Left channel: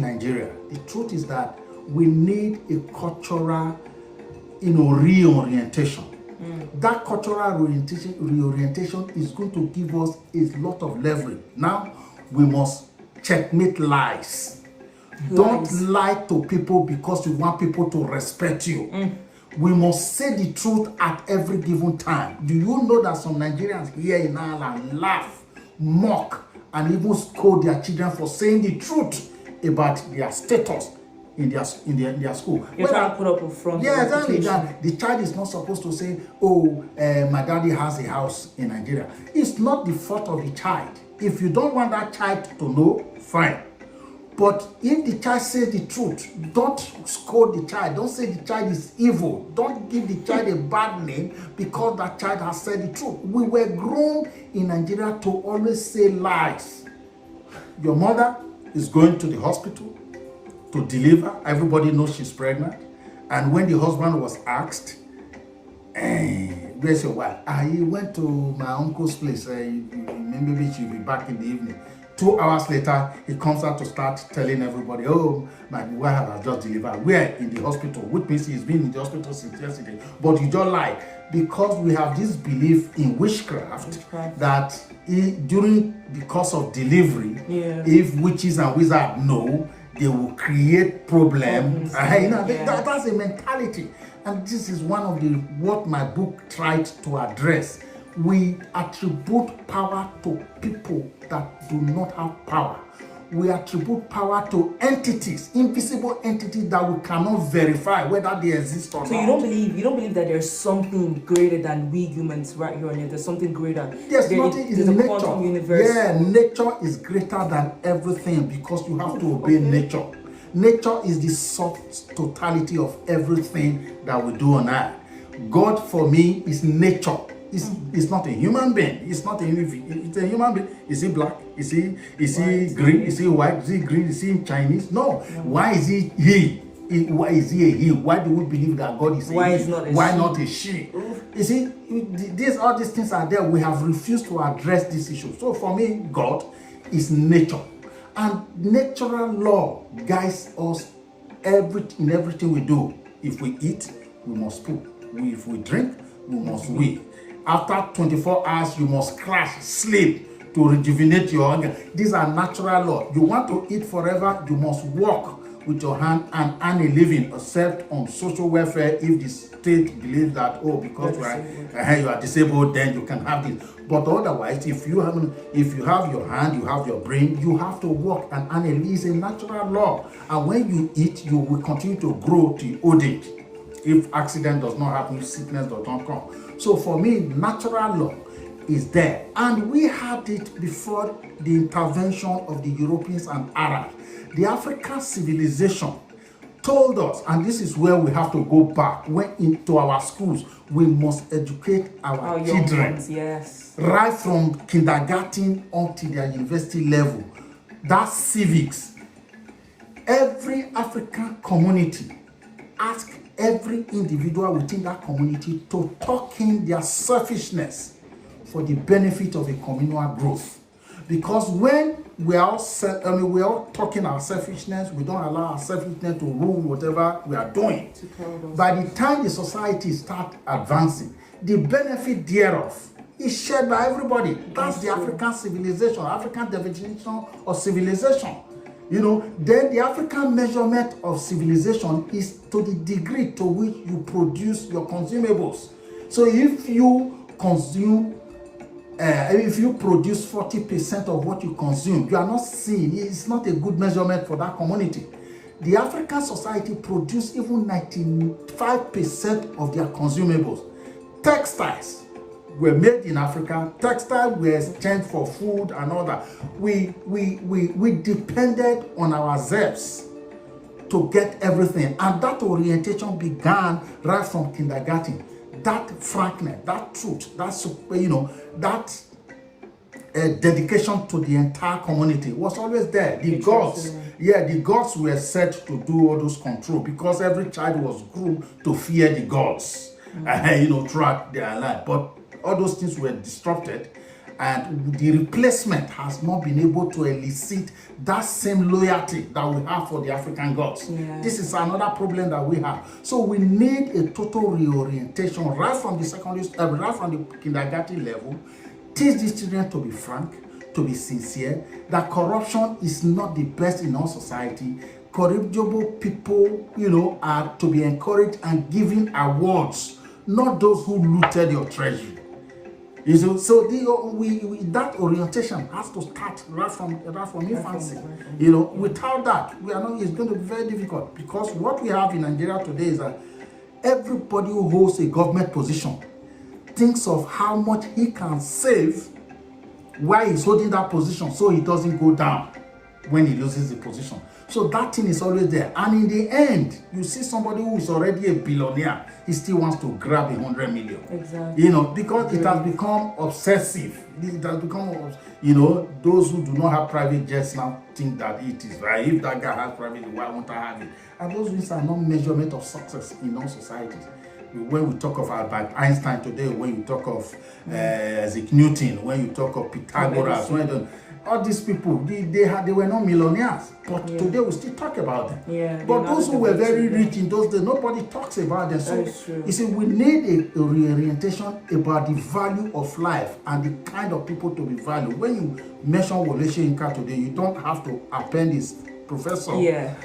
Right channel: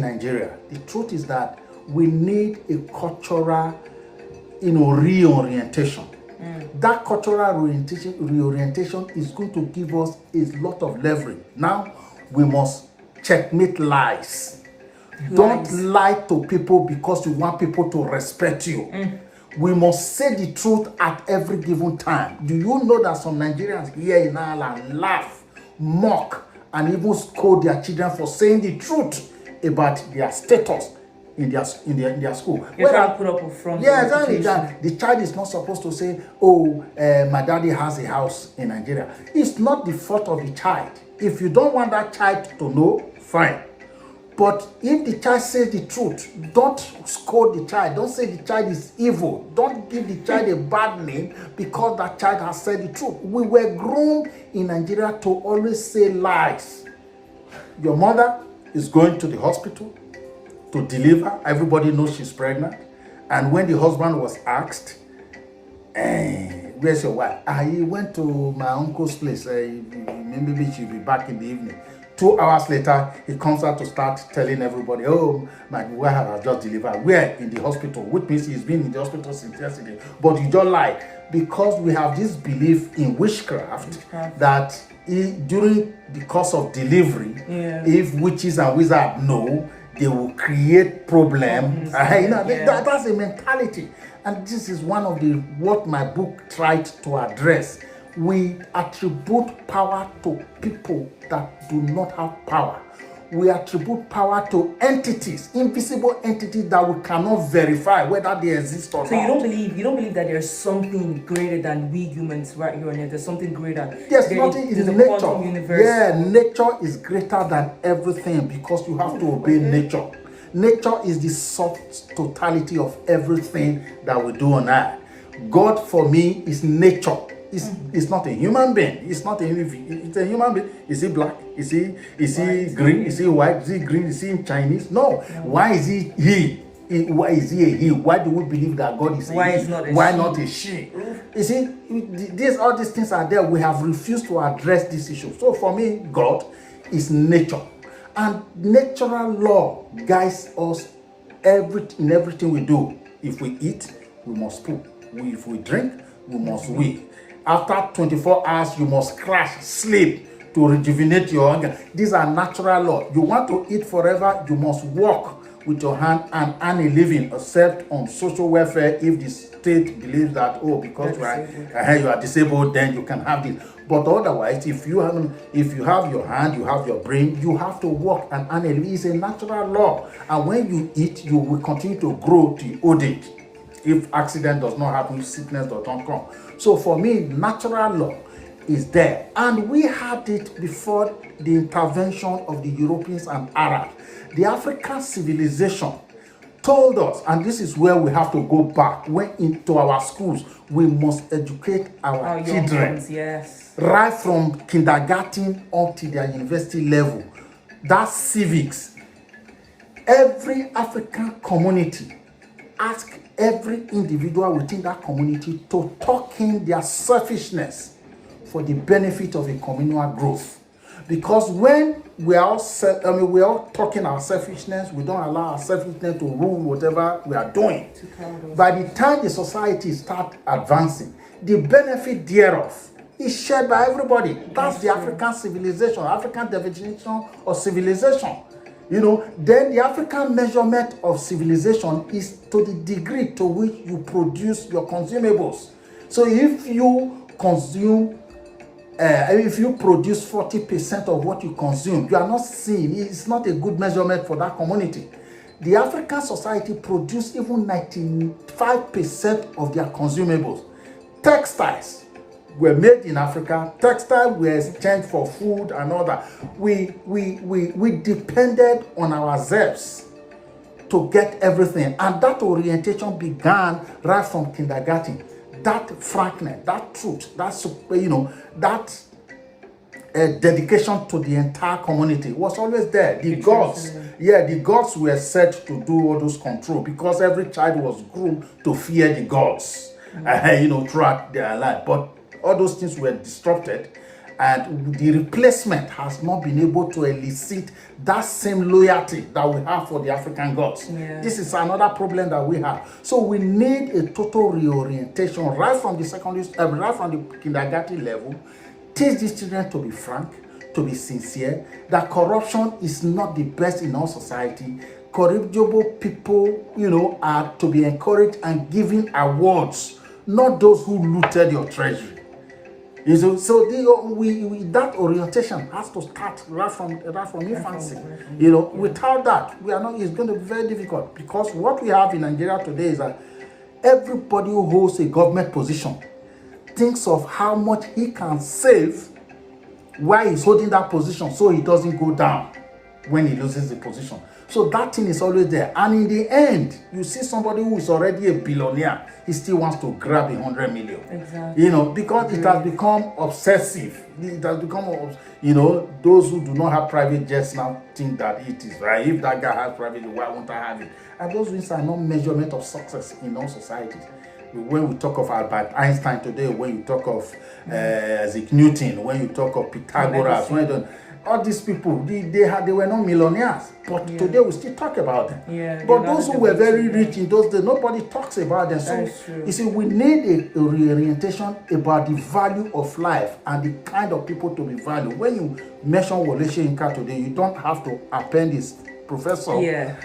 Nigeria. The truth is that we need a cultural, reorientation. That cultural reorientation is going to give us a lot of leverage. Now, we must checkmate lies. Don't lie to people because you want people to respect you. We must say the truth at every given time. Do you know that some Nigerians here in Ireland laugh, mock, and even scold their children for saying the truth about their status in their school? You're trying to put up a front. Yeah, exactly. The child is not supposed to say, "Oh, my daddy has a house in Nigeria." It's not the fault of the child. If you don't want that child to know, fine. But if the child says the truth, don't scold the child. Don't say the child is evil. Don't give the child a bad name because that child has said the truth. We were grown in Nigeria to always say lies. Your mother is going to the hospital to deliver. Everybody knows she's pregnant. And when the husband was asked, where's your wife? He went to my uncle's place. Maybe she'll be back in the evening. 2 hours later, he comes out to start telling everybody, "Oh, my wife has just delivered." We're in the hospital, which means he's been in the hospital since yesterday. But you don't lie, because we have this belief in witchcraft. That during the course of delivery, if witches and wizards know, they will create problems. That's a mentality. And this is one of what my book tried to address. We attribute power to people that do not have power. We attribute power to entities, invisible entities that we cannot verify whether they exist or not. So you don't believe that there's something greater than we humans right here on earth. There's something greater. There's nothing in the nature. Quantum universe. Yeah, nature is greater than everything because you have to obey nature. Nature is the soft totality of everything that we do on earth. God for me is nature. It's not a human being. It's not a human being. Is he black? Is he green? Is he white? Is he green? Is he Chinese? No. Why is he? Why is he a he? Why do we believe that God is a he? Why not a she? You see, all these things are there. We have refused to address this issue. So for me, God is nature. And natural law guides us in everything we do. If we eat, we must poop. If we drink, we must wee. After 24 hours, you must crash, sleep to rejuvenate your organ. These are natural laws. You want to eat forever, you must walk with your hand and earn a living, except on social welfare if the state believes that, because you are disabled, then you can have this. But otherwise, if you have your hand, you have your brain, you have to work and earn a living. It's a natural law. And when you eat, you will continue to grow to old age. If accident does not happen, sickness does not come. So for me, natural law is there. And we had it before the intervention of the Europeans and Arabs. The African civilization told us, and this is where we have to go back, into our schools, we must educate our children. Young ones, yes. Right from kindergarten up to their university level. That's civics. Every African community ask every individual within that community to tuck in their selfishness for the benefit of a communal growth. Because when we are all talking our selfishness, we don't allow our selfishness to rule whatever we are doing. By the time the society starts advancing, the benefit thereof is shared by everybody. That's the African civilization, African definition of civilization. Then the African measurement of civilization is to the degree to which you produce your consumables. So if you produce 40% of what you consume, you are not seeing, it's not a good measurement for that community. The African society produce even 95% of their consumables. Textiles were made in Africa. Textiles were exchanged for food and all that. We depended on ourselves to get everything. And that orientation began right from kindergarten. That frankness, that truth, that dedication to the entire community was always there. The gods were set to do all those control because every child was groomed to fear the gods, throughout their life. But all those things were disrupted, and the replacement has not been able to elicit that same loyalty that we have for the African gods. Yeah. This is another problem that we have. So we need a total reorientation right from the secondary, right from the kindergarten level. Teach these children to be frank, to be sincere, that corruption is not the best in our society. Corrigible people, are to be encouraged and given awards, not those who looted your treasury. So that orientation has to start right from infancy. Without that, it's going to be very difficult, because what we have in Nigeria today is that everybody who holds a government position thinks of how much he can save while he's holding that position, so he doesn't go down when he loses the position. So that thing is always there. And in the end, you see somebody who is already a billionaire, he still wants to grab 100 million. Exactly. Because it has become obsessive. It has become, those who do not have private jets now think that it is right. If that guy has private, why won't I have it? And those things are not measurement of success in our societies. When we talk of Albert Einstein today, when you talk of Isaac Newton, when you talk of Pythagoras, all these people, they were not millionaires, but today we still talk about them. Yeah, but those who were very rich in those days, nobody talks about them. So you see, we need a reorientation about the value of life and the kind of people to be valued. When you mention Wole Soyinka today, you don't have to append his professor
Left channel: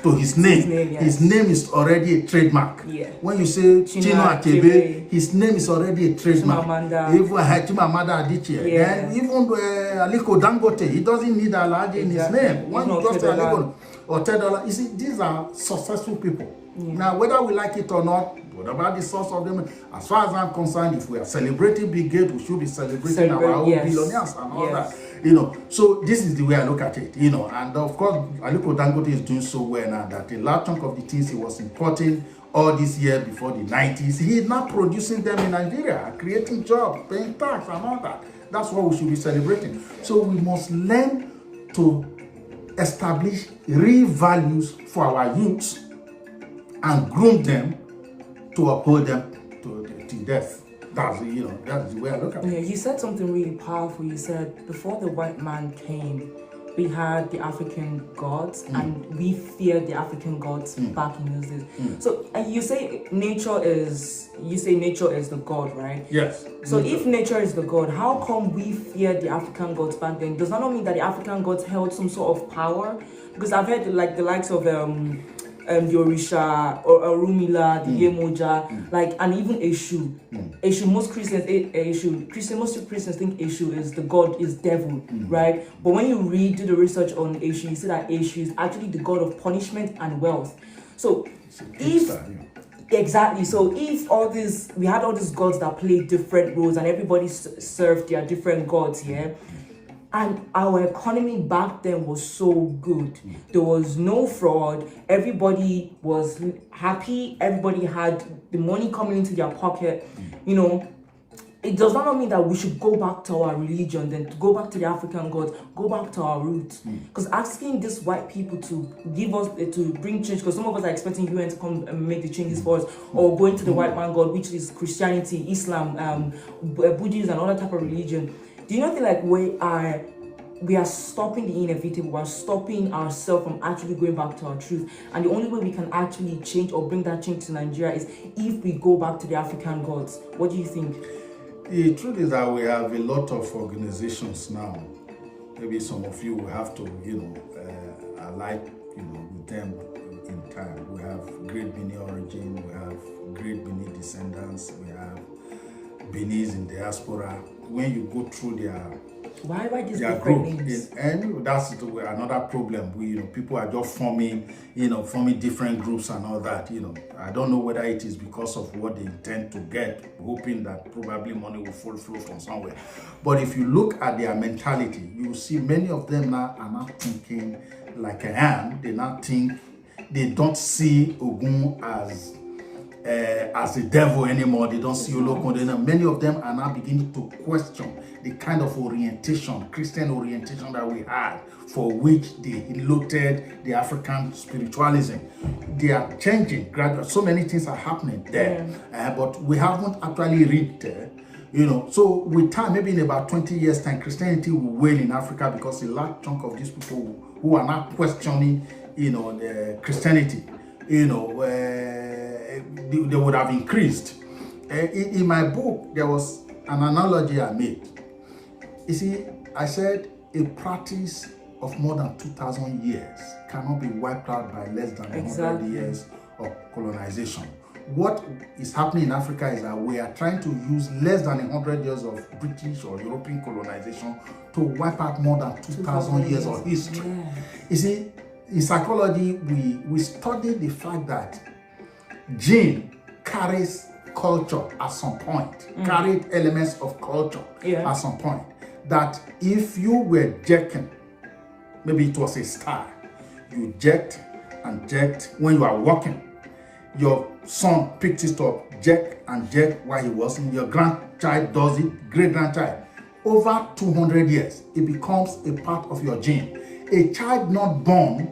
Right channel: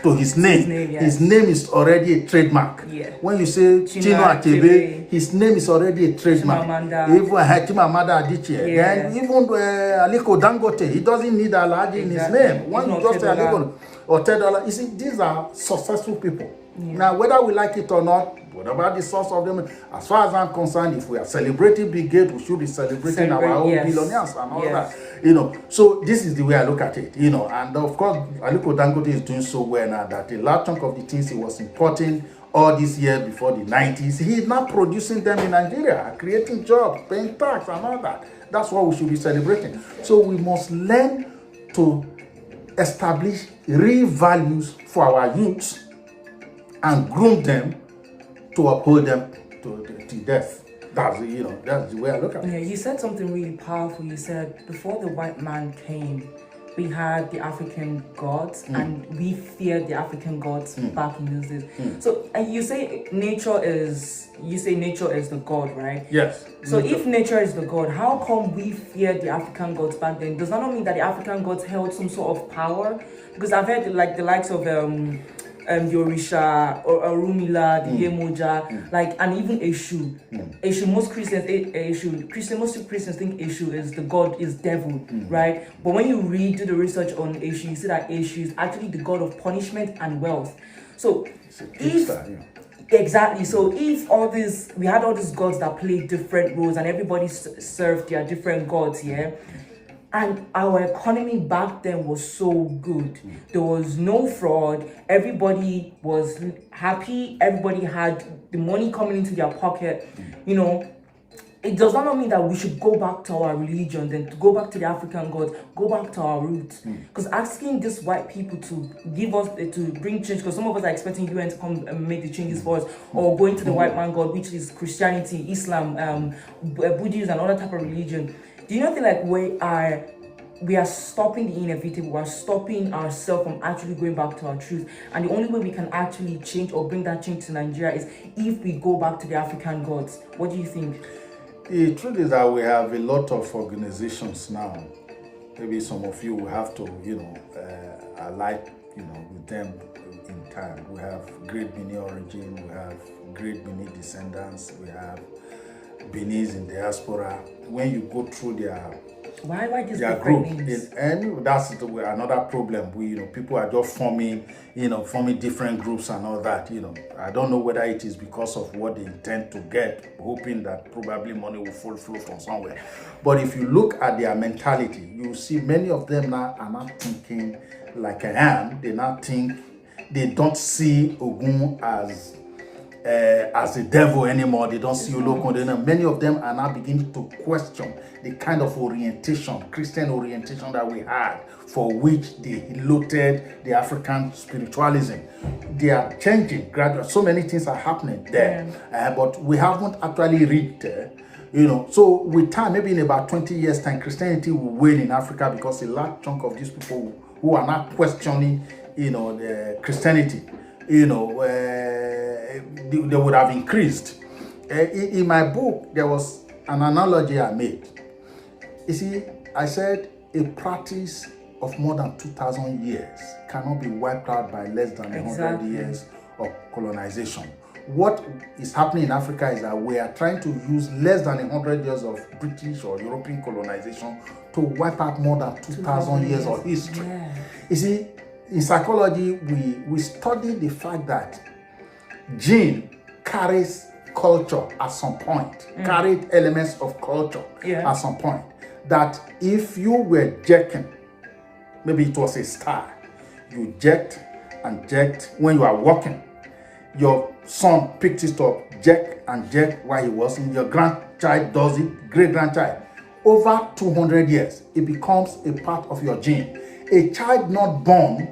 to his name. His name is already a trademark. When you say Chino Achebe, his name is already a trademark. Even Chimamanda Adichie, and even Aliko Dangote, he doesn't need Alhaji in his name. When you just say Aliko or $10, you see, these are successful people. Now, whether we like it or not, whatever the source of them, as far as I'm concerned, if we are celebrating Big Gate, we should be celebrating our own billionaires and all that. So this is the way I look at it, and of course, Aliko Dangote is doing so well now that a large chunk of the things he was importing all these years before the 90s, he is now producing them in Nigeria, creating jobs, paying tax and all that. That's what we should be celebrating. So we must learn to establish real values for our youths and groom them to uphold them to death. That's the way I look at it. Yeah, you said something really powerful. You said before the white man came, we had the African gods, and we feared the African gods back in those days. So, and you say nature is the god, right? Yes. So if nature is the god, how come we feared the African gods back then? Does that not mean that the African gods held some sort of power? Because I've heard the likes of the Orisha or Orumila, the Yemoja, and even Eshu. Eshu, most Christians think Eshu is the god, is devil, right? But when you do the research on Eshu, you see that Eshu is actually the god of punishment and wealth. So exactly. So if we had all these gods that played different roles and everybody served their different gods, and our economy back then was so good. There was no fraud. Everybody was happy. Everybody had the money coming into their pocket. It does not mean that we should go back to our religion, then to go back to the African gods, go back to our roots. Because asking these white people to bring change, because some of us are expecting UN to come and make the changes for us, or going to the white man god, which is Christianity, Islam, Buddhism, and other type of religion. Do you not think like we are stopping the inevitable? We're stopping ourselves from actually going back to our truth. And the only way we can actually change or bring that change to Nigeria is if we go back to the African gods. What do you think? The truth is that we have a lot of organizations now. Maybe some of you will have to, ally, with them in time. We have Great Benin Origin, we have Great Benin Descendants, we have Benis in diaspora. When you go through why just their different group, names? and that's another problem. People are just forming different groups and all that. I don't know whether it is because of what they intend to get, hoping that probably money will flow from somewhere. But if you look at their mentality, you see many of them now are not thinking like I am. They don't see Ogun as the devil anymore. They don't see Olokun. Many of them are now beginning to question the kind of orientation, Christian orientation that we had, for which they loaded the African spiritualism. They are changing gradually. So many things are happening there, but we haven't actually reached there. So with time, maybe in about 20 years time, Christianity will wane in Africa because a large chunk of these people who are not questioning, the Christianity, they would have increased. In my book, there was an analogy I made. You see, I said a practice of more than 2,000 years cannot be wiped out by less than 100 years of colonization. What is happening in Africa is that we are trying to use less than 100 years of British or European colonization to wipe out more than 2,000 years of history. Yeah. You see, in psychology, we study the fact that gene carries culture at some point, carried elements of culture at some point. That if you were jerking, maybe it was a star, you jerked and jerked when you are walking. Your son picked it up, jerk and jerk while he was in. Your grandchild does it, great-grandchild. Over 200 years, it becomes a part of your gene. A child not born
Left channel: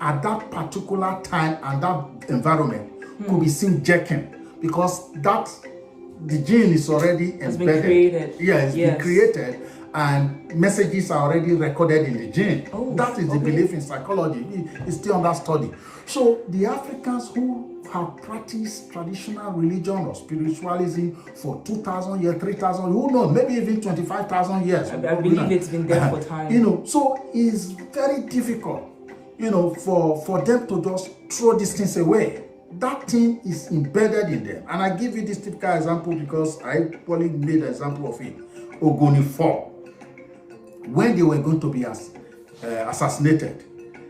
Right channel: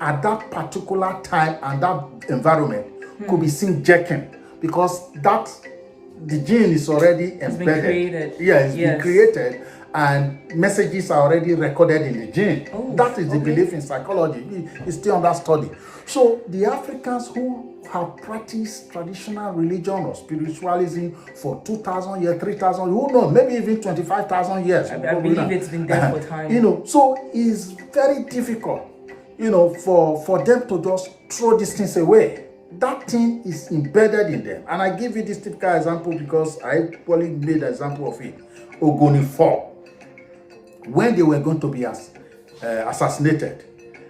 at that particular time and that environment could be seen jerking because the gene is already embedded. It's been created. Yeah, it's been created and messages are already recorded in the gene. That is the belief in psychology. It's still under study. So the Africans who have practiced traditional religion or spiritualism for 2,000 years, 3,000, who knows, maybe even 25,000 years. I believe it's been there for time. So it's very difficult, for them to just throw these things away. That thing is embedded in them. And I give you this typical example because I probably made an example of it. Ogoni 4. When they were going to be assassinated,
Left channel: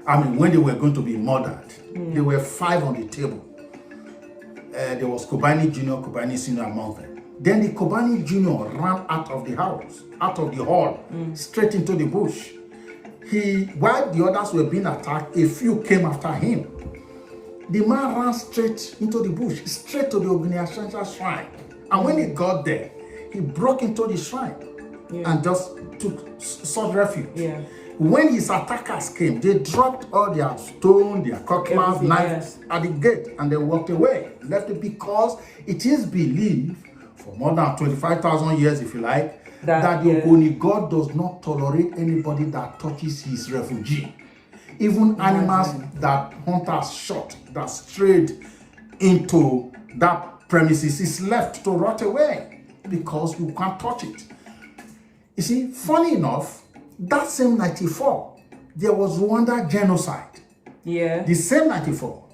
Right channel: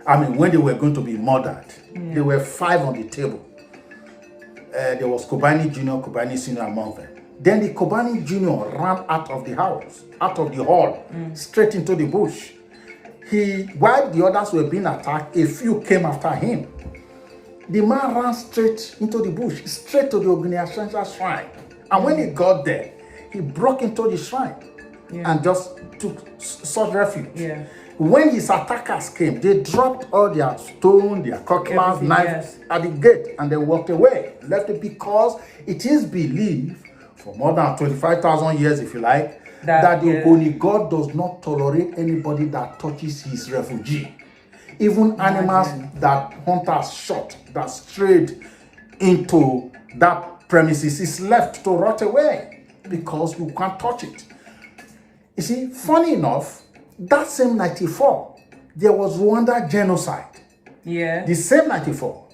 when they were going to be murdered, there were 5 on the table. There was Kobani Junior, Kobani Senior among them. Then the Kobani Junior ran out of the house, out of the hall, straight into the bush. While the others were being attacked, a few came after him. The man ran straight into the bush, straight to the Ogunyasansa shrine. And when he got there, he broke into the shrine and just sought refuge. Yeah. When his attackers came, they dropped all their stone, their cutlass, knives at the gate, and they walked away. Left it because it is believed for more than 25,000 years, if you like, that the Ogoni God does not tolerate anybody that touches his refugee. Even animals that hunters shot, that strayed into that premises, is left to rot away because you can't touch it. You see, funny enough, that same 94, there was Rwanda genocide. Yeah. The same 94,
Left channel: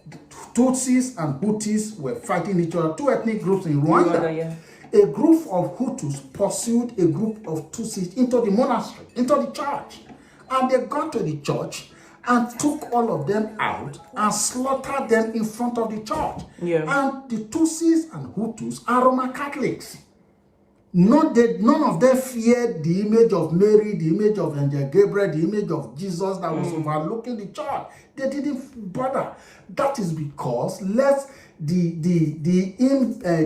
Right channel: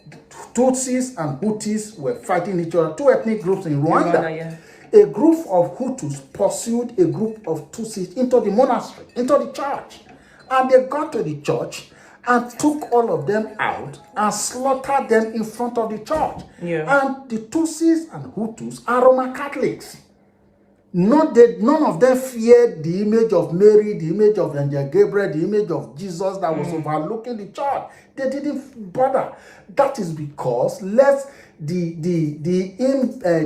Tutsis and Hutus were fighting each other, 2 ethnic groups in Rwanda. A group of Hutus pursued a group of Tutsis into the monastery, into the church. And they got to the church and took all of them out and slaughtered them in front of the church. Yeah. And the Tutsis and Hutus are Roman Catholics. None of them feared the image of Mary, the image of Angel Gabriel, the image of Jesus that was overlooking the church. They didn't bother. That is because the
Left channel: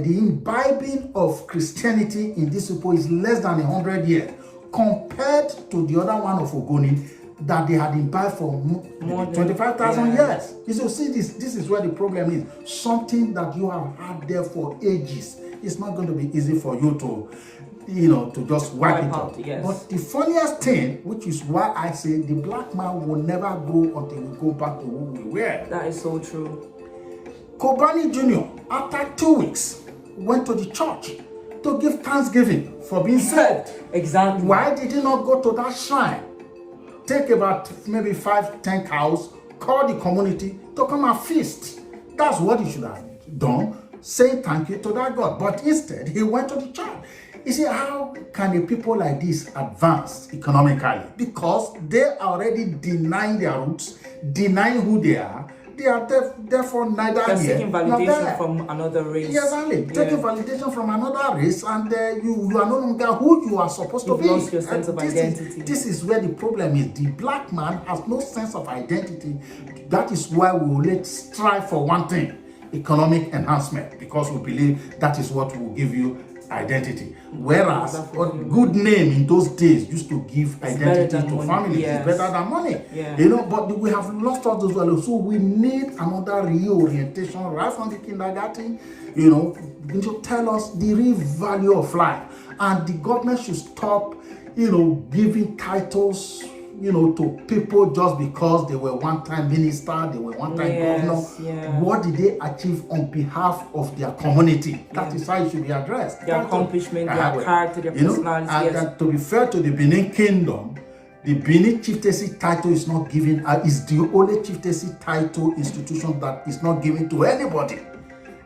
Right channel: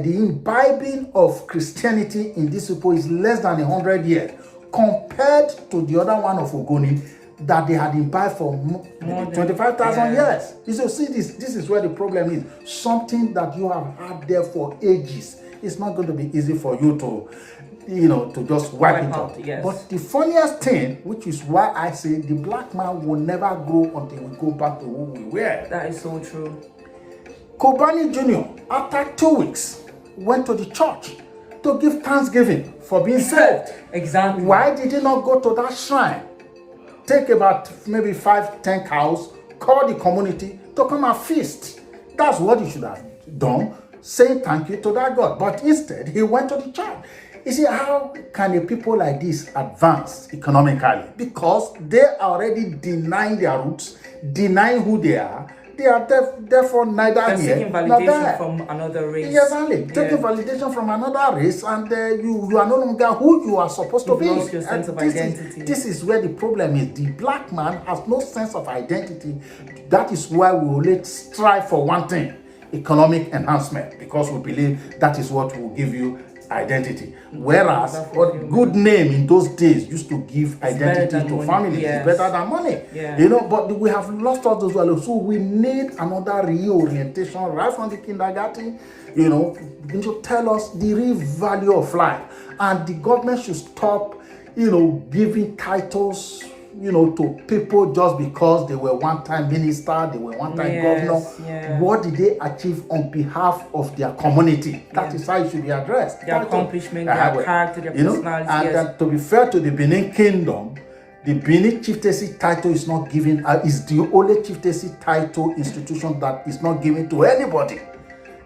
imbibing of Christianity in this people is less than 100 years compared to the other one of Ogoni that they had imbibed for more than 25,000 years. You see, this is where the problem is. Something that you have had there for ages. It's not going to be easy for you to just wipe it out. Yes. But the funniest thing, which is why I say the black man will never grow until we go back to who we were. That is so true. Kobani Jr., after 2 weeks, went to the church to give thanksgiving for being saved. Exactly. Why did he not go to that shrine? Take about maybe 5-10 cows, call the community to come and feast. That's what he should have done. Say thank you to that God. But instead, he went to the church. You see, how can a people like this advance economically? Because they are already denying their roots, denying who they are. They are therefore neither here seeking validation from another race. Exactly. Taking validation from another race, and you are no longer who you are supposed to be. You've lost your sense of identity. This is where the problem is. The black man has no sense of identity. That is why we will strive for one thing: economic enhancement, because we believe that is what will give you identity. Whereas a good name in those days used to give identity to families. Yes. It's better than money. Yeah. But we have lost all those values. So we need another reorientation right from the kindergarten, to tell us the real value of life. And the government should stop, giving titles, to people just because they were one-time minister, they were one-time governor. Yeah. What did they achieve on behalf of their community? That is how it should be addressed. Their accomplishment, their character, their personality. And to be fair to the Benin Kingdom, the Benin chieftaincy title is not given, is the only chieftaincy title institution that is not given to anybody.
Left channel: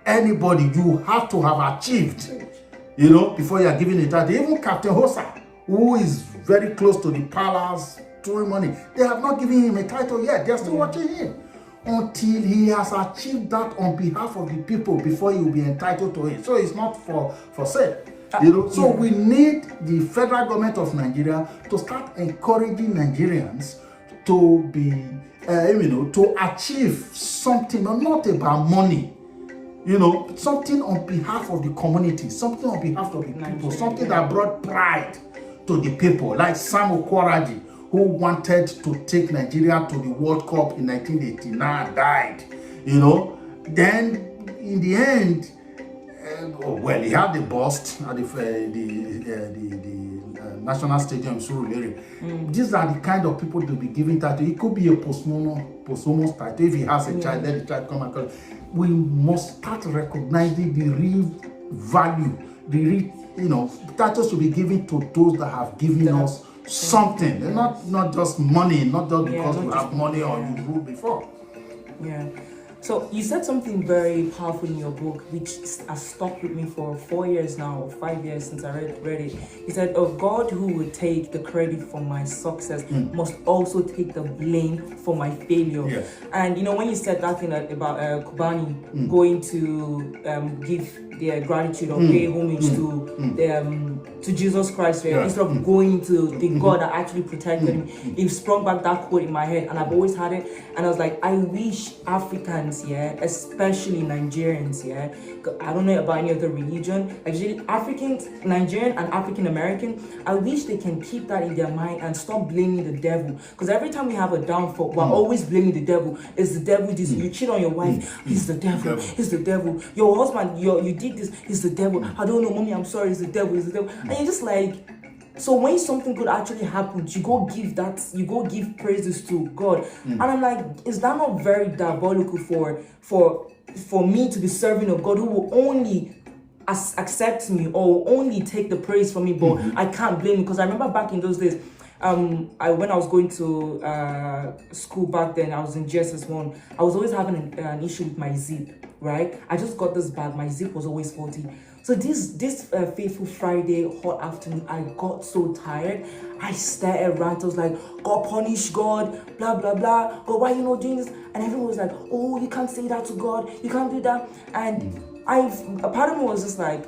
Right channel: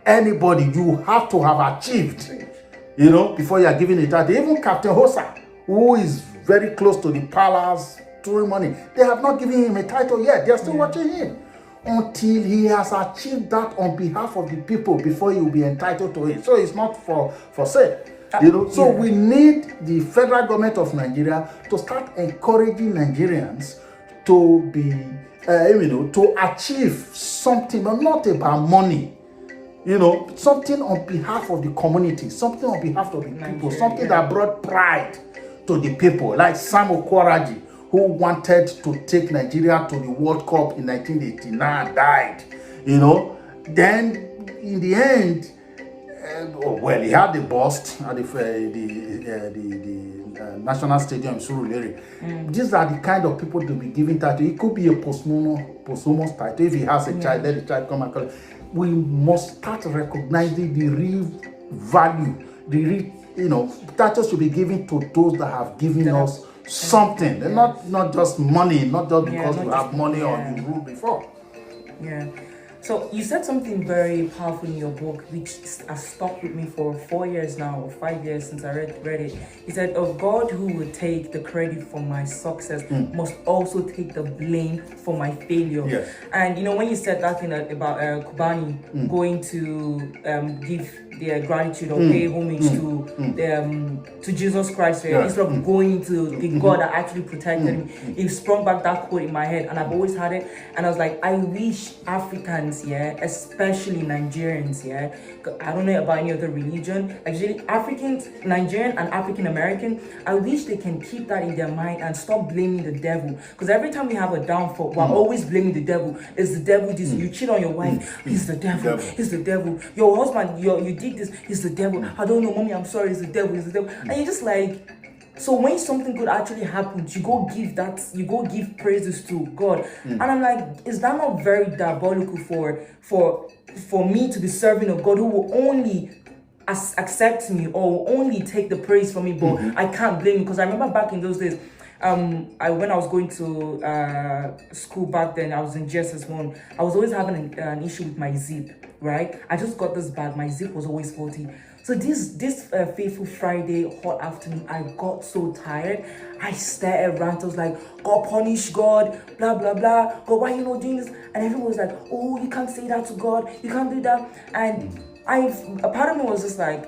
Anybody, you have to have achieved, before you are given a title. Even Captain Hosa, who is very close to the palace, money, they have not given him a title yet. They are still watching him until he has achieved that on behalf of the people before he will be entitled to it. So it's not for sale. So we need the federal government of Nigeria to start encouraging Nigerians to be, to achieve something, not about money. Something on behalf of the community, something on behalf of the people, something that brought pride to the people, like Sam Okoroji, who wanted to take Nigeria to the World Cup in 1989, died. Then in the end, he had the bust at the National Stadium in Surulere. These are the kind of people to be given title. It could be a posthumous title. If he has a child, let the child come and call. We must start recognizing the real value, the real, titles should be given to those that have given us something, not just money, not just because we have money or you rule before. Yeah. So you said something very powerful in your book, which has stuck with me for 4 years now, or 5 years since I read it. You said, "A God who would take the credit for my success must also take the blame for my failure." Yes. And when you said that thing about Kubani going to give their gratitude or pay homage to Jesus Christ, instead of going to the God that actually protected him, it sprung back that quote in my head, and I've always had it. And I was like, I wish Africans, especially Nigerians, I don't know about any other religion, actually Africans, Nigerian and African American, I wish they can keep that in their mind and stop blaming the devil. Because every time we have a downfall, we're always blaming the devil. It's the devil. This you cheat on your wife, he's the devil. He's the devil. Your husband, you did this, he's the devil. I don't know, mommy, I'm sorry, it's the devil. He's the devil. And you're just like, so when something good actually happens, you go give praises to God. And I'm like, is that not very diabolical for me to be serving a God who will only accept me or will only take the praise from me, but I can't blame him? Because I remember back in those days, when I was going to school back then, I was in GSS1, I was always having an issue with my zip, right? I just got this bag, my zip was always faulty. So this fateful Friday, hot afternoon, I got so tired. I stared at rant. I was like, God punish God, blah, blah, blah. God, why are you not doing this? And everyone was like, oh, you can't say that to God. You can't do that. And a part of me was just like,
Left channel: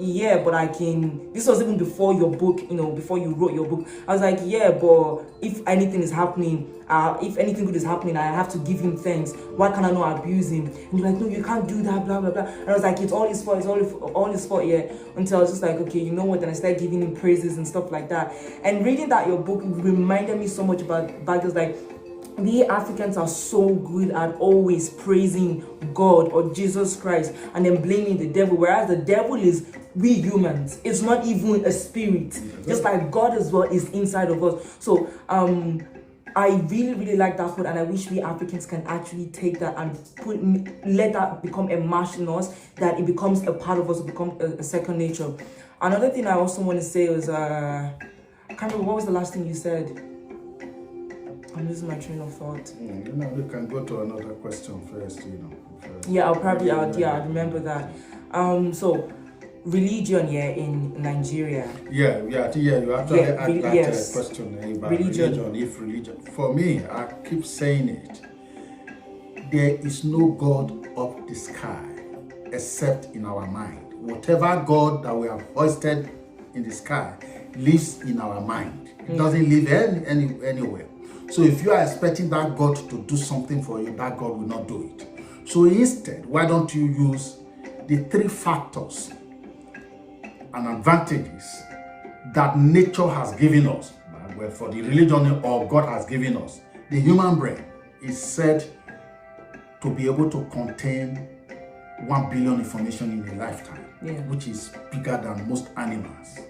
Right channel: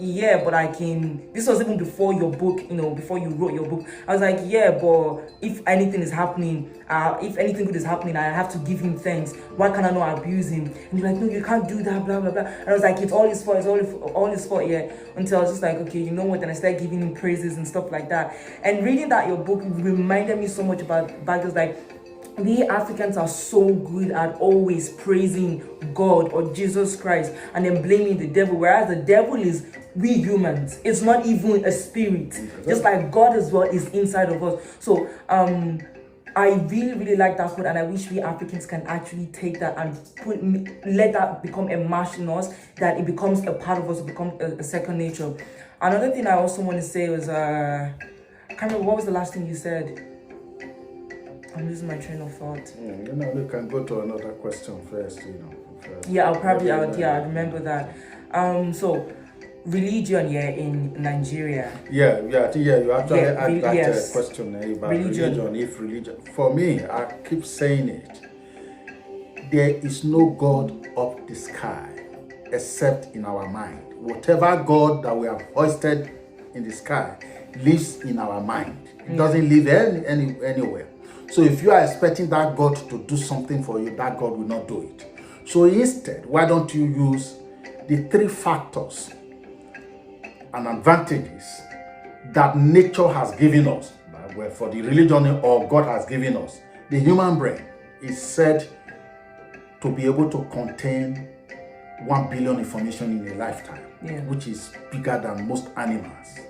yeah, but I can. This was even before your book, before you wrote your book. I was like, yeah, but if anything is happening, if anything good is happening, I have to give him thanks. Why can't I not abuse him? And you're like, no, you can't do that, blah, blah, blah. And I was like, it's all his fault, it's all his fault, yeah. Until I was just like, okay, you know what? Then I started giving him praises and stuff like that. And reading that your book reminded me so much about back then, like, we Africans are so good at always praising God or Jesus Christ and then blaming the devil, whereas the devil is we humans. It's not even a spirit. Just like God as well is inside of us. So I really, really like that quote, and I wish we Africans can actually take that and let that become a march in us, that it becomes a part of us, it becomes a second nature. Another thing I also want to say was, I can't remember, what was the last thing you said? I'm losing my train of thought. We can go to another question first, Yeah, I'll remember that. So, religion, in Nigeria. Yeah, you actually had that question about religion. For me, I keep saying it. There is no God up the sky except in our mind. Whatever God that we have hoisted in the sky lives in our mind. It doesn't live anywhere. So if you are expecting that God to do something for you, that God will not do it. So instead, why don't you use the 3 factors and advantages that nature has given us, well, for the religion or God has given us. The human brain is said to be able to contain 1 billion information in a lifetime, which is bigger than most animals.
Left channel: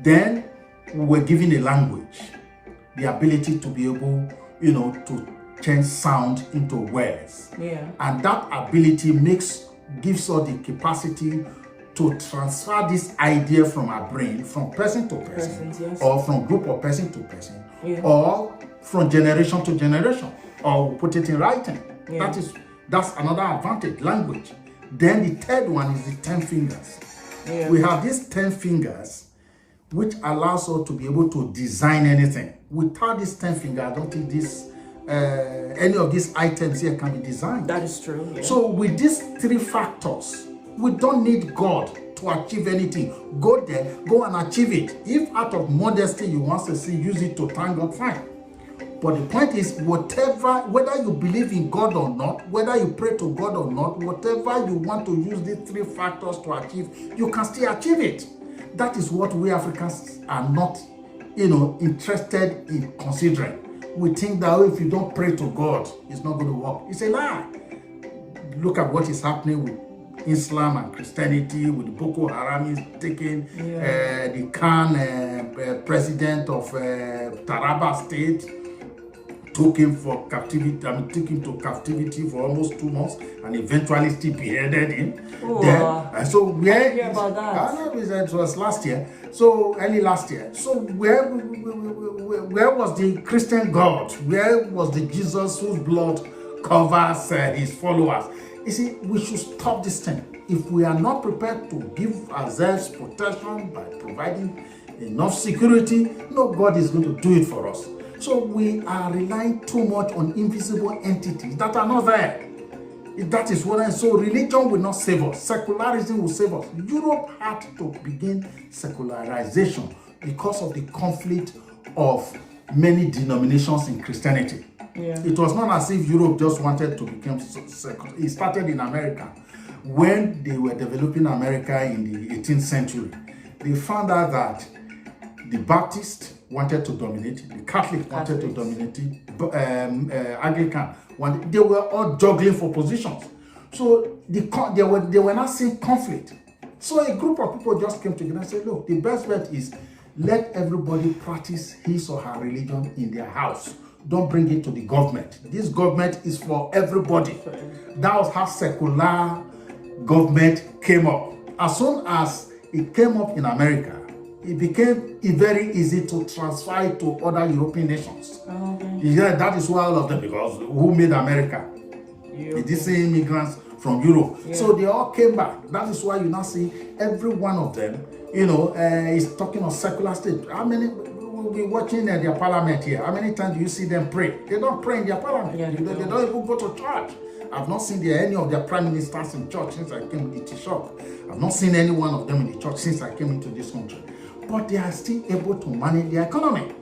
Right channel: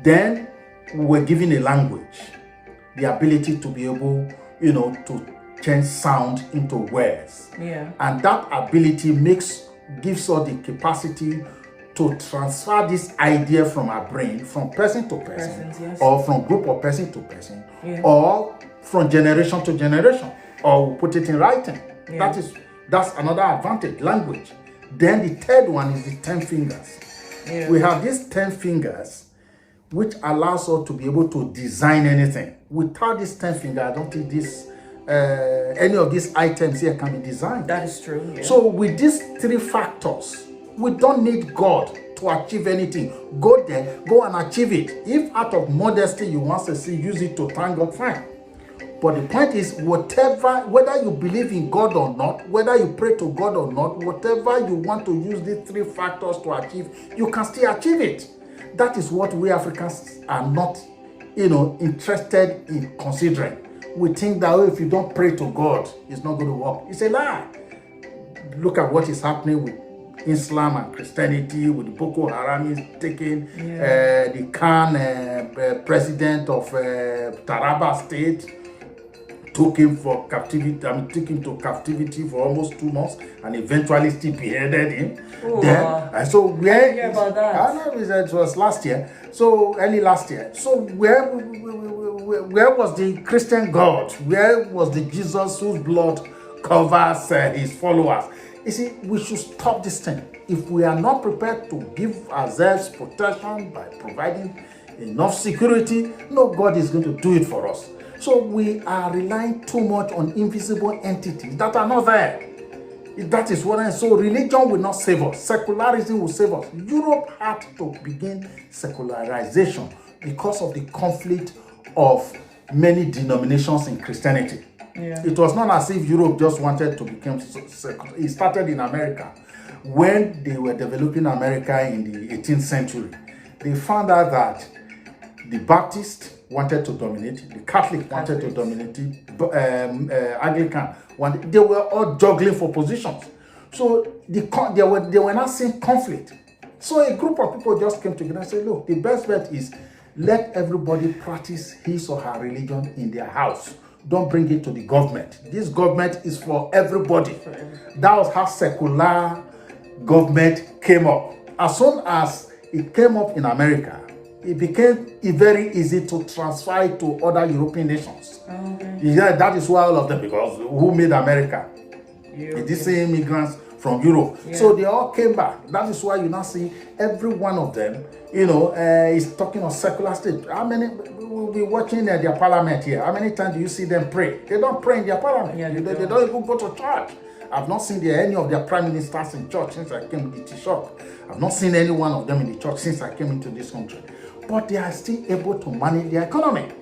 Then we were given a language, the ability to be able, to change sound into words. Yeah. And that ability gives us the capacity to transfer this idea from our brain, from person to person, Yes. or from group of person to person, Yeah. or from generation to generation, or we put it in writing. Yeah. That's another advantage, language. Then the third one is the 10 fingers. Yeah. We have these 10 fingers, which allows us to be able to design anything. Without these 10 fingers, I don't think any of these items here can be designed. That is true. Yeah. So with these 3 factors, we don't need God to achieve anything. Go there, go and achieve it. If out of modesty you want to use it to thank God, fine. But the point is, whether you believe in God or not, whether you pray to God or not, whatever you want to use these 3 factors to achieve, you can still achieve it. That is what we Africans are not, interested in considering. We think that if you don't pray to God, it's not going to work. It's a lie. Look at what is happening with Islam and Christianity, with the Boko Haram taking the Khan president of Taraba State, took him to captivity for almost 2 months, and eventually still beheaded him. So where? Hear about that? I don't know, it was last year. So early last year. So where was the Christian God? Where was the Jesus whose blood covers his followers? You see, we should stop this thing. If we are not prepared to give ourselves protection by providing enough security, no God is going to do it for us. So we are relying too much on invisible entities that are not there. That is what so religion will not save us. Secularism will save us. Europe had to begin secularization because of the conflict of many denominations in Christianity. Yeah. It was not as if Europe just wanted to become secular. It started in America. When they were developing America in the 18th century, they found out that the Baptists wanted to dominate, the Catholic wanted to dominate, Anglican wanted. They were all juggling for positions. So they were not seeing conflict. So a group of people just came together and said, look, the best bet is let everybody practice his or her religion in their house. Don't bring it to the government. This government is for everybody. That was how secular government came up. As soon as it came up in America, it became very easy to transfer it to other European nations. Okay. Yeah, that is why all of them, because who made America? The same immigrants from Europe. Yeah. So they all came back. That is why you now see every one of them, is talking of secular state. How many? We'll be watching their parliament here. How many times do you see them pray? They don't pray in their parliament. Yeah, they don't even go to church. I've not seen any of their prime ministers in church since I came to the T-shop. I've not seen any one of them in the church since I came into this country. But they are still able to manage their economy.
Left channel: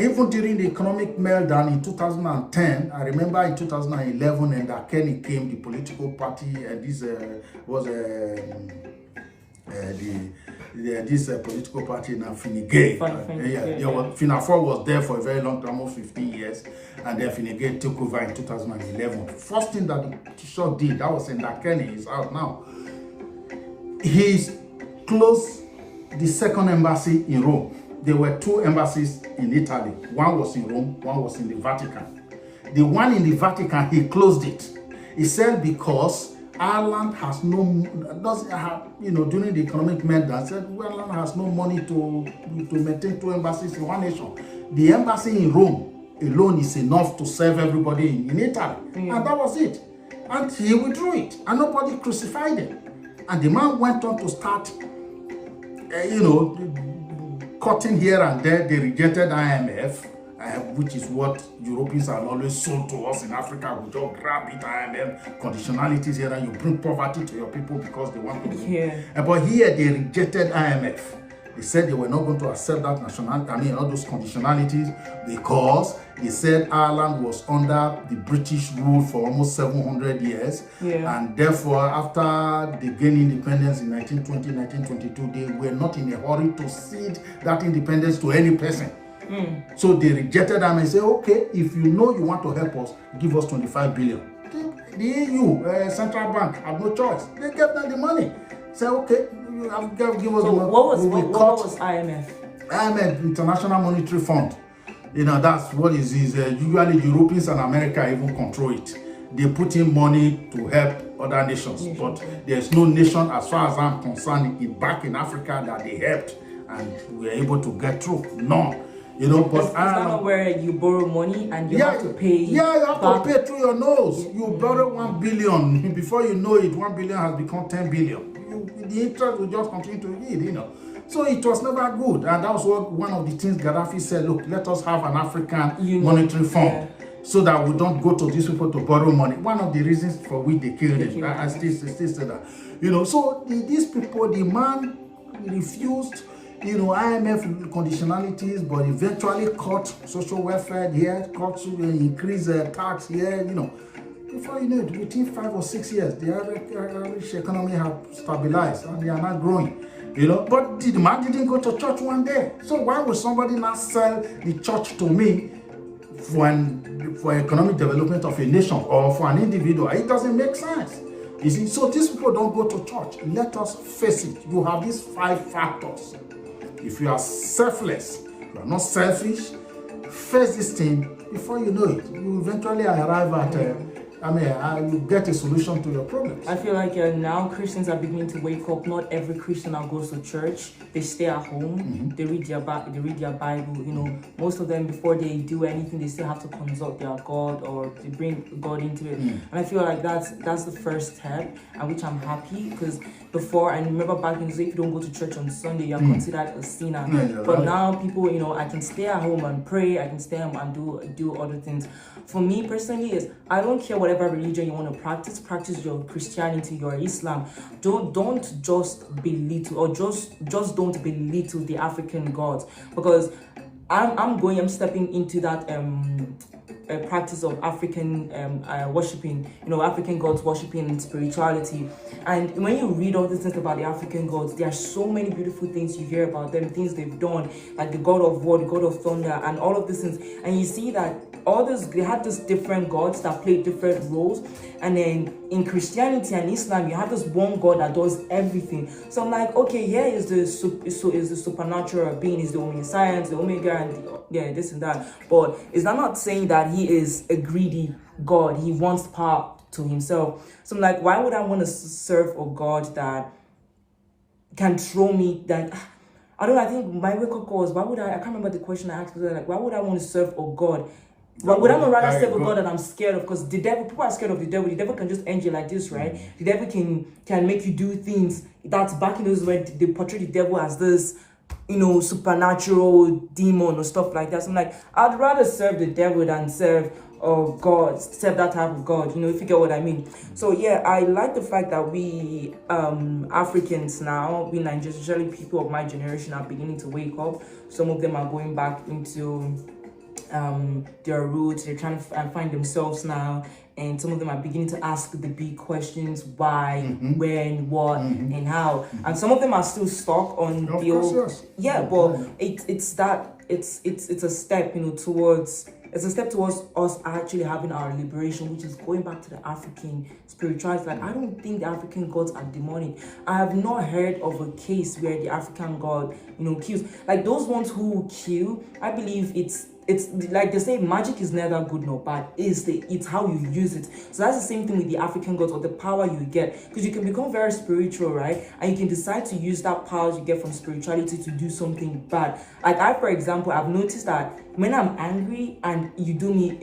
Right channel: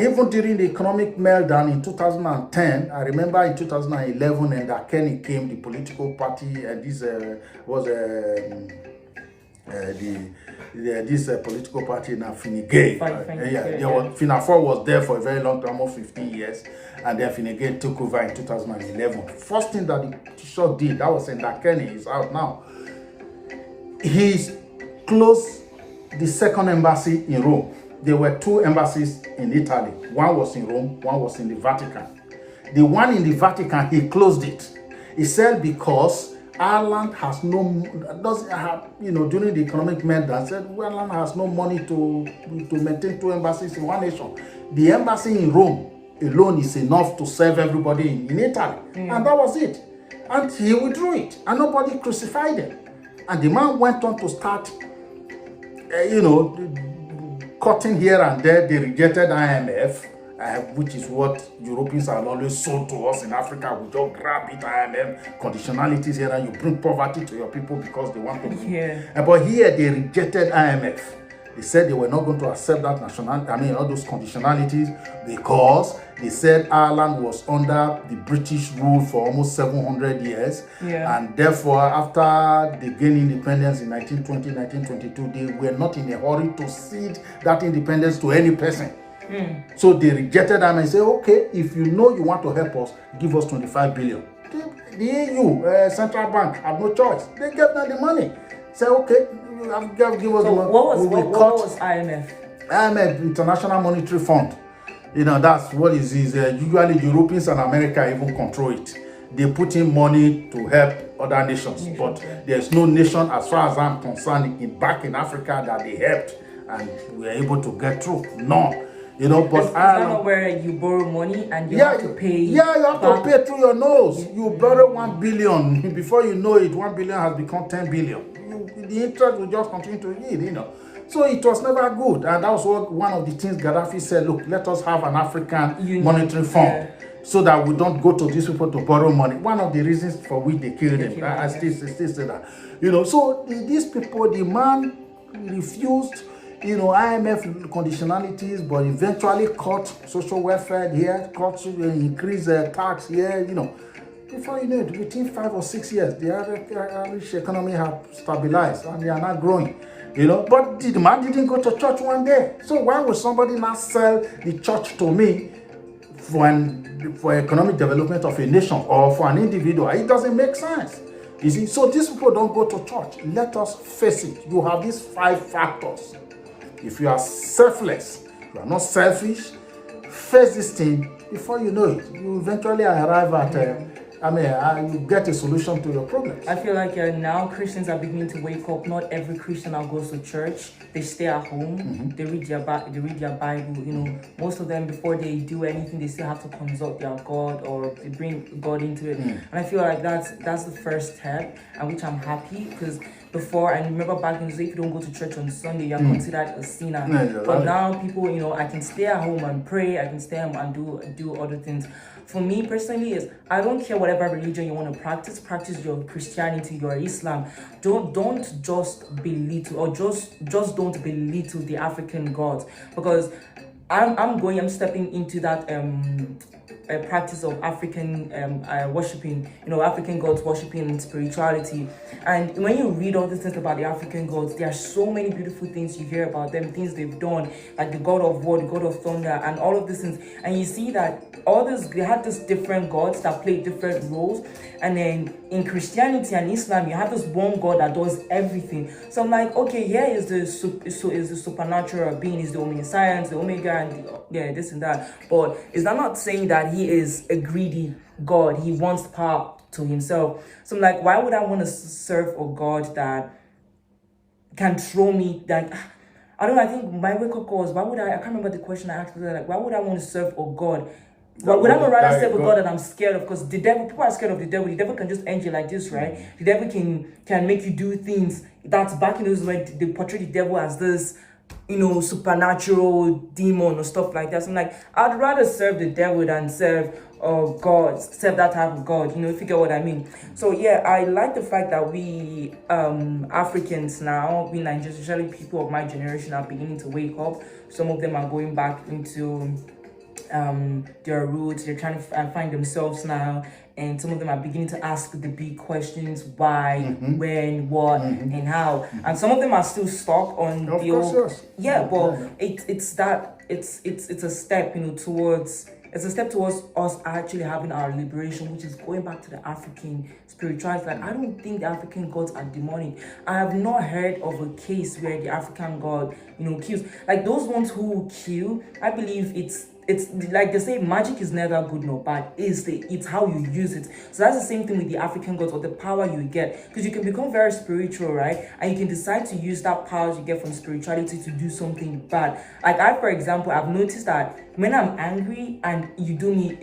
Even during the economic meltdown in 2010, I remember in 2011, and Kenny came, the political party, and this was this political party in Finigay. Finafor was there for a very long time, almost 15 years, and then Finigay took over in 2011. First thing that the T-shirt did, that was in Kenny, is out now. He closed the second embassy in Rome. There were 2 embassies in Italy. One was in Rome, one was in the Vatican. The one in the Vatican, he closed it. He said because Ireland has doesn't have, during the economic meltdown, said Ireland has no money to maintain 2 embassies in one nation. The embassy in Rome alone is enough to serve everybody in Italy. And that was it. And he withdrew it. And nobody crucified him. And the man went on to start, cutting here and there. They rejected IMF, which is what Europeans have always sold to us in Africa. We just grab it, IMF, conditionalities here, and you bring poverty to your people because they want to win. Yeah. But here they rejected IMF. They said they were not going to accept that all those conditionalities, because they said Ireland was under the British rule for almost 700 years. Yeah. And therefore, after they gained independence in 1920, 1922, they were not in a hurry to cede that independence to any person. So they rejected them and said, okay, if you want to help us, give us 25 billion. The EU, Central Bank, had no choice. They gave them the money. Say, okay, give us So one. what We was IMF? IMF, International Monetary Fund. That's what it is. Usually Europeans and America even control it. They put in money to help other nations, but there's no nation, as far as I'm concerned, back in Africa that they helped and we were able to get through. None. But it's not where you borrow money and you have to pay. Yeah, you have to pay through your nose. You borrow 1 billion. Before you know it, 1 billion has become 10 billion. The interest will just continue to yield, So it was never good. And that was one of the things Gaddafi said, look, let us have an African monetary fund so that we don't go to these people to borrow money. One of the reasons for which they killed him. I still say that. So these people, the man refused, IMF conditionalities, but eventually cut social welfare here, cut increase tax here, Before you know it, within 5 or 6 years, the Irish economy had stabilized and they are not growing. But the man didn't go to church one day. So why would somebody not sell the church to me for economic development of a nation or for an individual? It doesn't make sense. You see, so these people don't go to church. Let us face it. You have these 5 factors. If you are selfless, you are not selfish, face this thing. Before you know it, you eventually arrive at you get a solution to your problems. I feel like now Christians are beginning to wake up. Not every Christian now goes to church. They stay at home. They read their Bible. Most of them, before they do anything, they still have to consult their God or they bring God into it. And I feel like that's the first step, and which I'm happy because before, I remember back in the day, if you don't go to church on Sunday, you're considered a sinner. But now people, I can stay at home and pray. I can stay at home and do other things. For me personally, I don't care whatever religion you want to practice. Practice your Christianity, your Islam. Don't just belittle or just don't belittle the African gods, because I'm stepping into that practice of African worshiping, African gods worshiping and spirituality. And when you read all these things about the African gods, there are so many beautiful things you hear about them, things they've done, like the god of war, the god of thunder, and all of these things. And you see that they had these different gods that played different roles. And then in Christianity and Islam, you have this one God that does everything. So I'm like, okay, here is the supernatural being, is the omniscience, the omega, and this and that. But is that not saying that he is a greedy God? He wants power to himself. So I'm like, why would I want to serve a God that can throw me that? I don't know. I think my wake up call was, I can't remember the question I asked, but like, why would I want to serve a God? Well, would I rather serve a God that I'm scared of? Because the devil, people are scared of the devil. The devil can just end you like this, right? The devil can make you do things. That's back in those when they portray the devil as this, supernatural demon or stuff like that. So I'm like, I'd rather serve the devil than serve God, serve that type of God, if you get what I mean. So yeah, I like the fact that we Africans now, we Nigerians, especially people of my generation, are beginning to wake up. Some of them are going back into their roots. They're trying to find themselves now, and some of them are beginning to ask the big questions: why, when, what, and how. And some of them are still stuck on the old. Yeah, but it's a step, towards. It's a step towards us actually having our liberation, which is going back to the African spirituality. Like, I don't think the African gods are demonic. I have not heard of a case where the African god, kills. Like, those ones who kill, I believe it's like they say, magic is neither good nor bad. It's how you use it. So that's the same thing with the African gods, or the power you get, because you can become very spiritual, right? And you can decide to use that power you get from spirituality to do something bad. Like for example, I've noticed that when I'm angry and you do me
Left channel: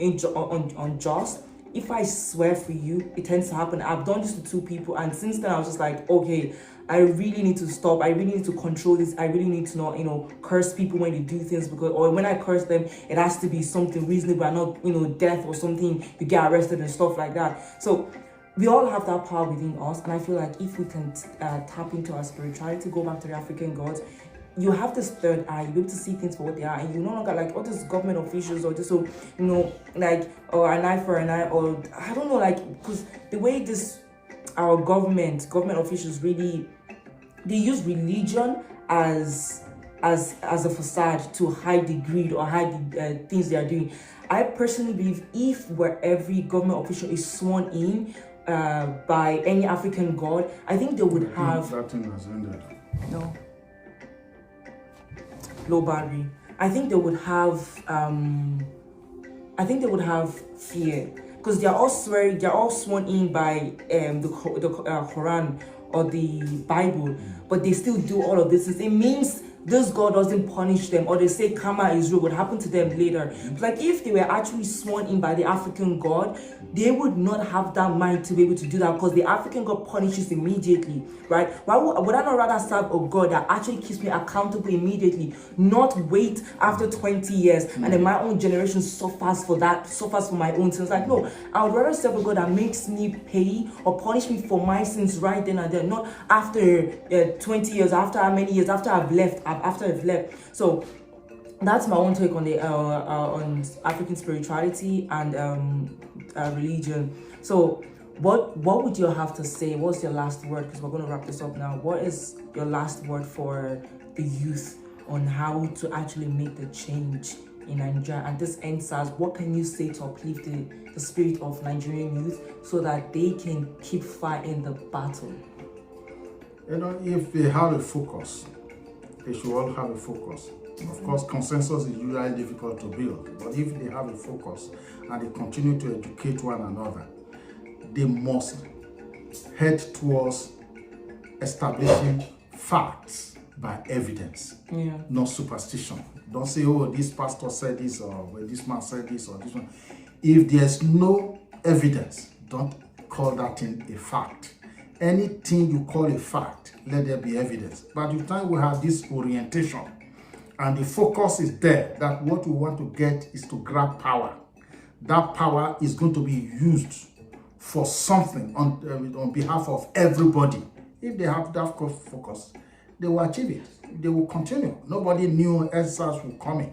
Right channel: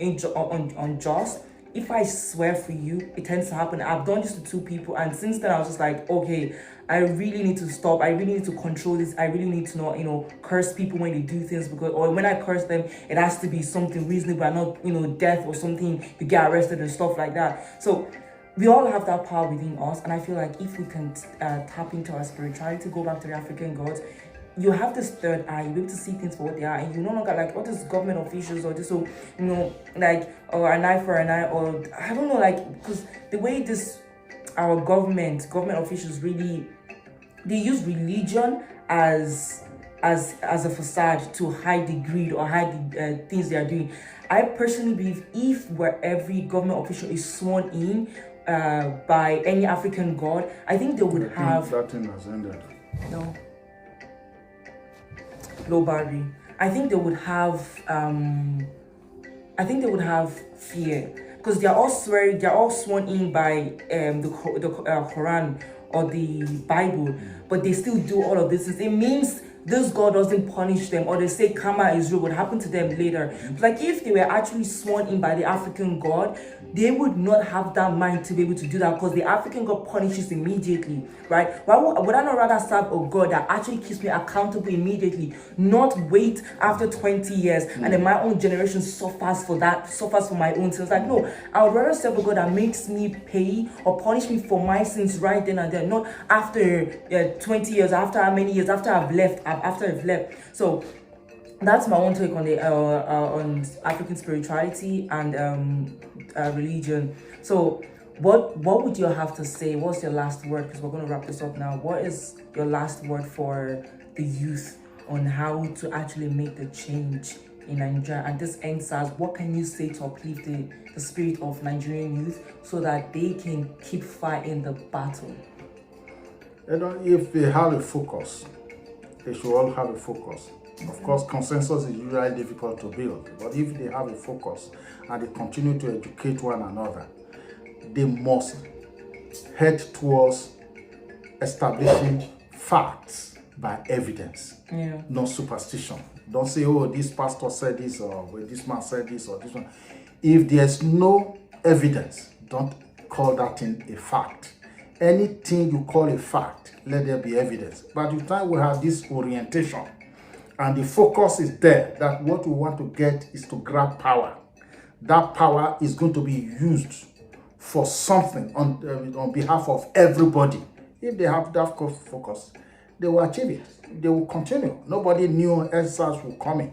unjust, if I swear for you, it tends to happen. I've done this to 2 people, and since then I was just like, okay, I really need to stop. I really need to control this. I really need to not, curse people when they do things, or when I curse them, it has to be something reasonable and not, death or something, you get arrested and stuff like that. So we all have that power within us, and I feel like if we can tap into our spirituality, go back to the African gods, you have this third eye. You'll be able to see things for what they are, and you no longer like all these government officials or just or an eye for an eye, or I don't know, because the way our government officials really, they use religion as a facade to hide the greed or hide the things they are doing. I personally believe if where every government official is sworn in by any African god, I think they would have. That thing has ended. No. Low battery. I think they would have fear, because they're all sworn in by the Quran or the Bible, but they still do all of this. It means this God doesn't punish them, or they say karma is real, what happened to them later. Like if they were actually sworn in by the African God, they would not have that mind to be able to do that, because the African God punishes immediately, right? Why would I not rather serve a God that actually keeps me accountable immediately, not wait after 20 years and then my own generation suffers for my own sins? Like, no, I would rather serve a God that makes me pay or punish me for my sins right then and there, not after 20 years, after how many years, after I've left. So that's my own take on the on African spirituality and religion. So what would you have to say? What's your last word? Because we're going to wrap this up now. What is your last word for the youth on how to actually make the change in Nigeria? And this Endsars, what can you say to uplift the spirit of Nigerian youth so that they can keep fighting the battle? You know, if they have a focus, they should all have a focus. Of course, consensus is usually difficult to build, but if they have a focus and they continue to educate one another, they must head towards establishing facts by evidence, not superstition. Don't say, oh, this pastor said this, or this man said this, or this one. If there's no evidence, don't call that thing a fact. Anything you call a fact, let there be evidence. By the time we have this orientation and the focus is there, that what we want to get is to grab power. That power is going to be used for something on behalf of everybody. If they have that focus, they will achieve it. They will continue. Nobody knew Endsars would come in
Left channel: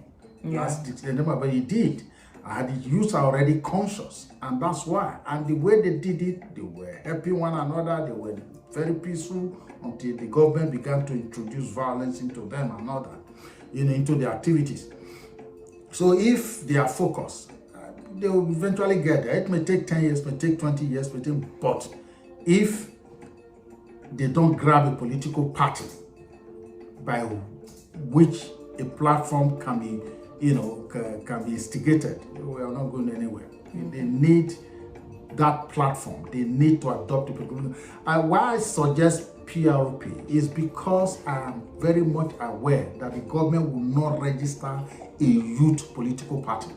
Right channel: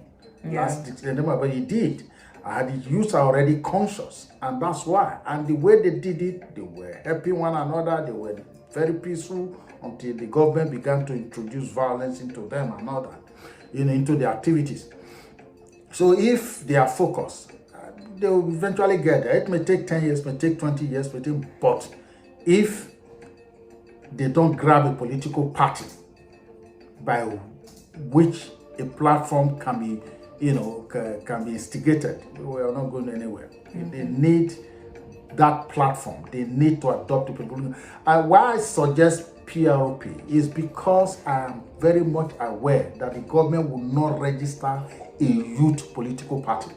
last December, but he did. The youth are already conscious, and that's why. And the way they did it, they were helping one another. They were very peaceful until the government began to introduce violence into them and all that, into the activities. So if they are focused, they will eventually get there. It may take 10 years, may take 20 years, but if they don't grab a political party by which a platform can be can be instigated, we are not going anywhere. They need that platform. They need to adopt the people. Why I suggest PROP is because I am very much aware that the government will not register a youth political party.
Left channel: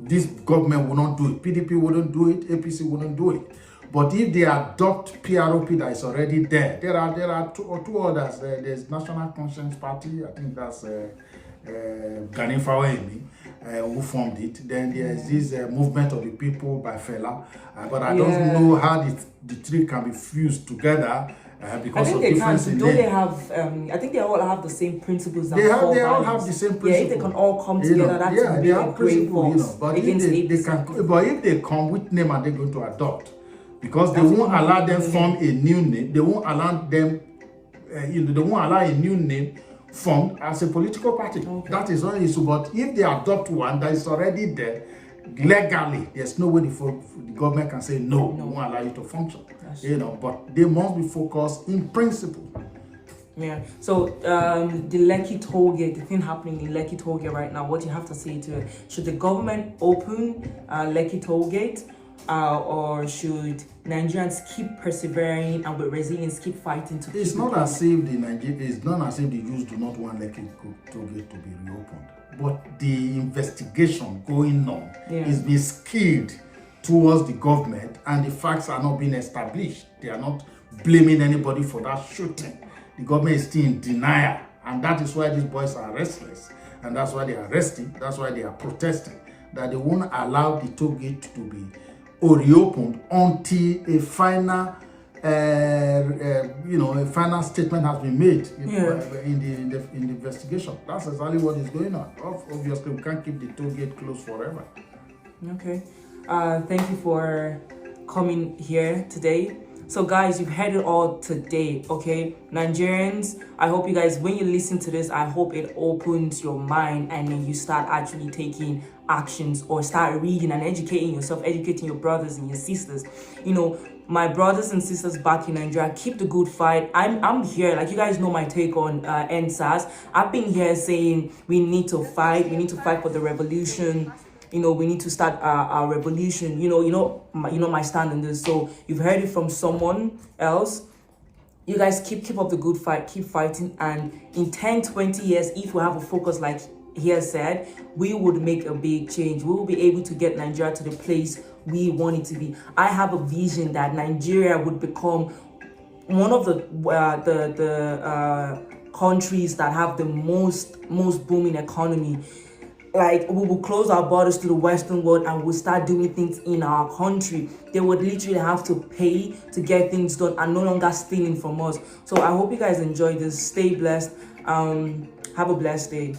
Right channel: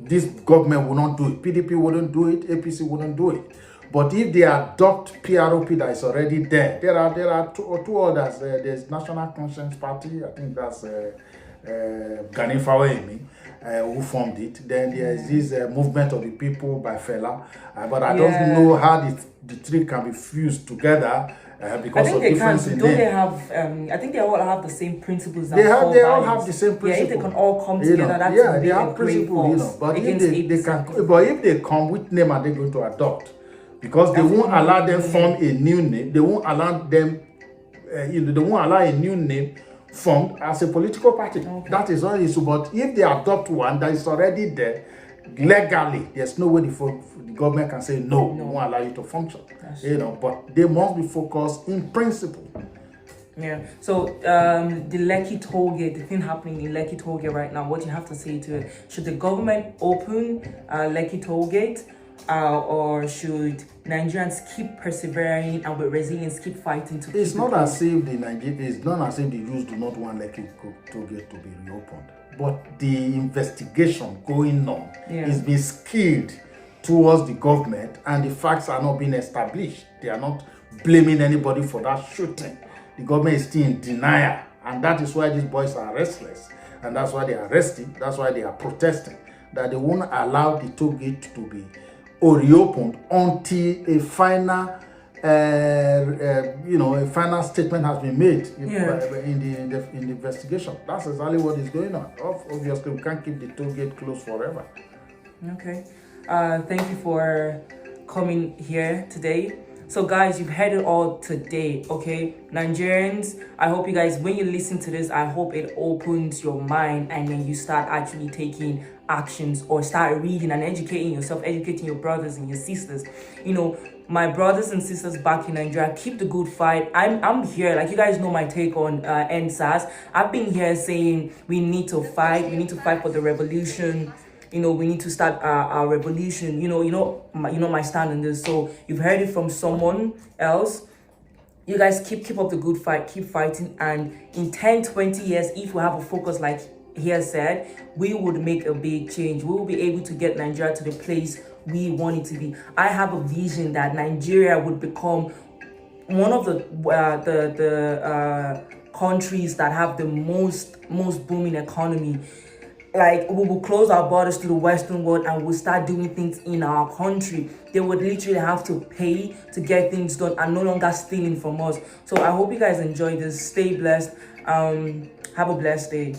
This government will not do it. PDP wouldn't do it. APC wouldn't do it. But if they adopt PROP that is already there, there are two others. There's National Conscience Party. I think that's Gani Fawemi, who formed it. Then there's this Movement of the People by Fela. But I don't know how the three can be fused together. Because I think they can. So don't they have? I think they all have the same principles. They all have the same principles. Yeah, if they can all come together, that would be a great force. But if they come, which name are they going to adopt? Because they won't allow them form a new name. They won't allow them. They won't allow a new name formed as a political party. That is one issue. But if they adopt one that is already there, legally, there's no way the government can say no, we won't allow you to function. But they must be focused in principle. So the Lekki toll gate, the thing happening in Lekki toll gate right now, what do you have to say to it? Should the government open Lekki toll gate, or should Nigerians keep persevering and with resilience keep fighting to it's not as if the youth do not want Lekki toll gate to be reopened, but the investigation going on is being skewed towards the government, and the facts are not being established. They are not blaming anybody for that shooting. The government is still in denial, and that is why these boys are restless, and that's why they are arresting. That's why they are protesting, that they won't allow the toll gate to be reopened until a final final statement has been made in the investigation. That's exactly what is going on. Obviously, we can't keep the toll gate closed forever. Okay. Thank you for coming here today. So guys, you've heard it all today, okay? Nigerians, I hope you guys, when you listen to this, I hope it opens your mind and then you start actually taking actions or start reading and educating yourself, educating your brothers and your sisters. my brothers and sisters back in Nigeria, keep the good fight. I'm here. Like, you guys know my take on Endsars. I've been here saying we need to fight. We need to fight for the revolution. You know, we need to start our revolution. You know my stand on this. So you've heard it from someone else. You guys keep up the good fight, keep fighting, and in 10-20 years, if we have a focus like he has said, we would make a big change. We will be able to get Nigeria to the place we want it to be. I have a vision that Nigeria would become one of the countries that have the most booming economy. Like, we will close our borders to the Western world and we'll start doing things in our country. They would literally have to pay to get things done and no longer stealing from us. So I hope you guys enjoy this. Stay blessed. Have a blessed day.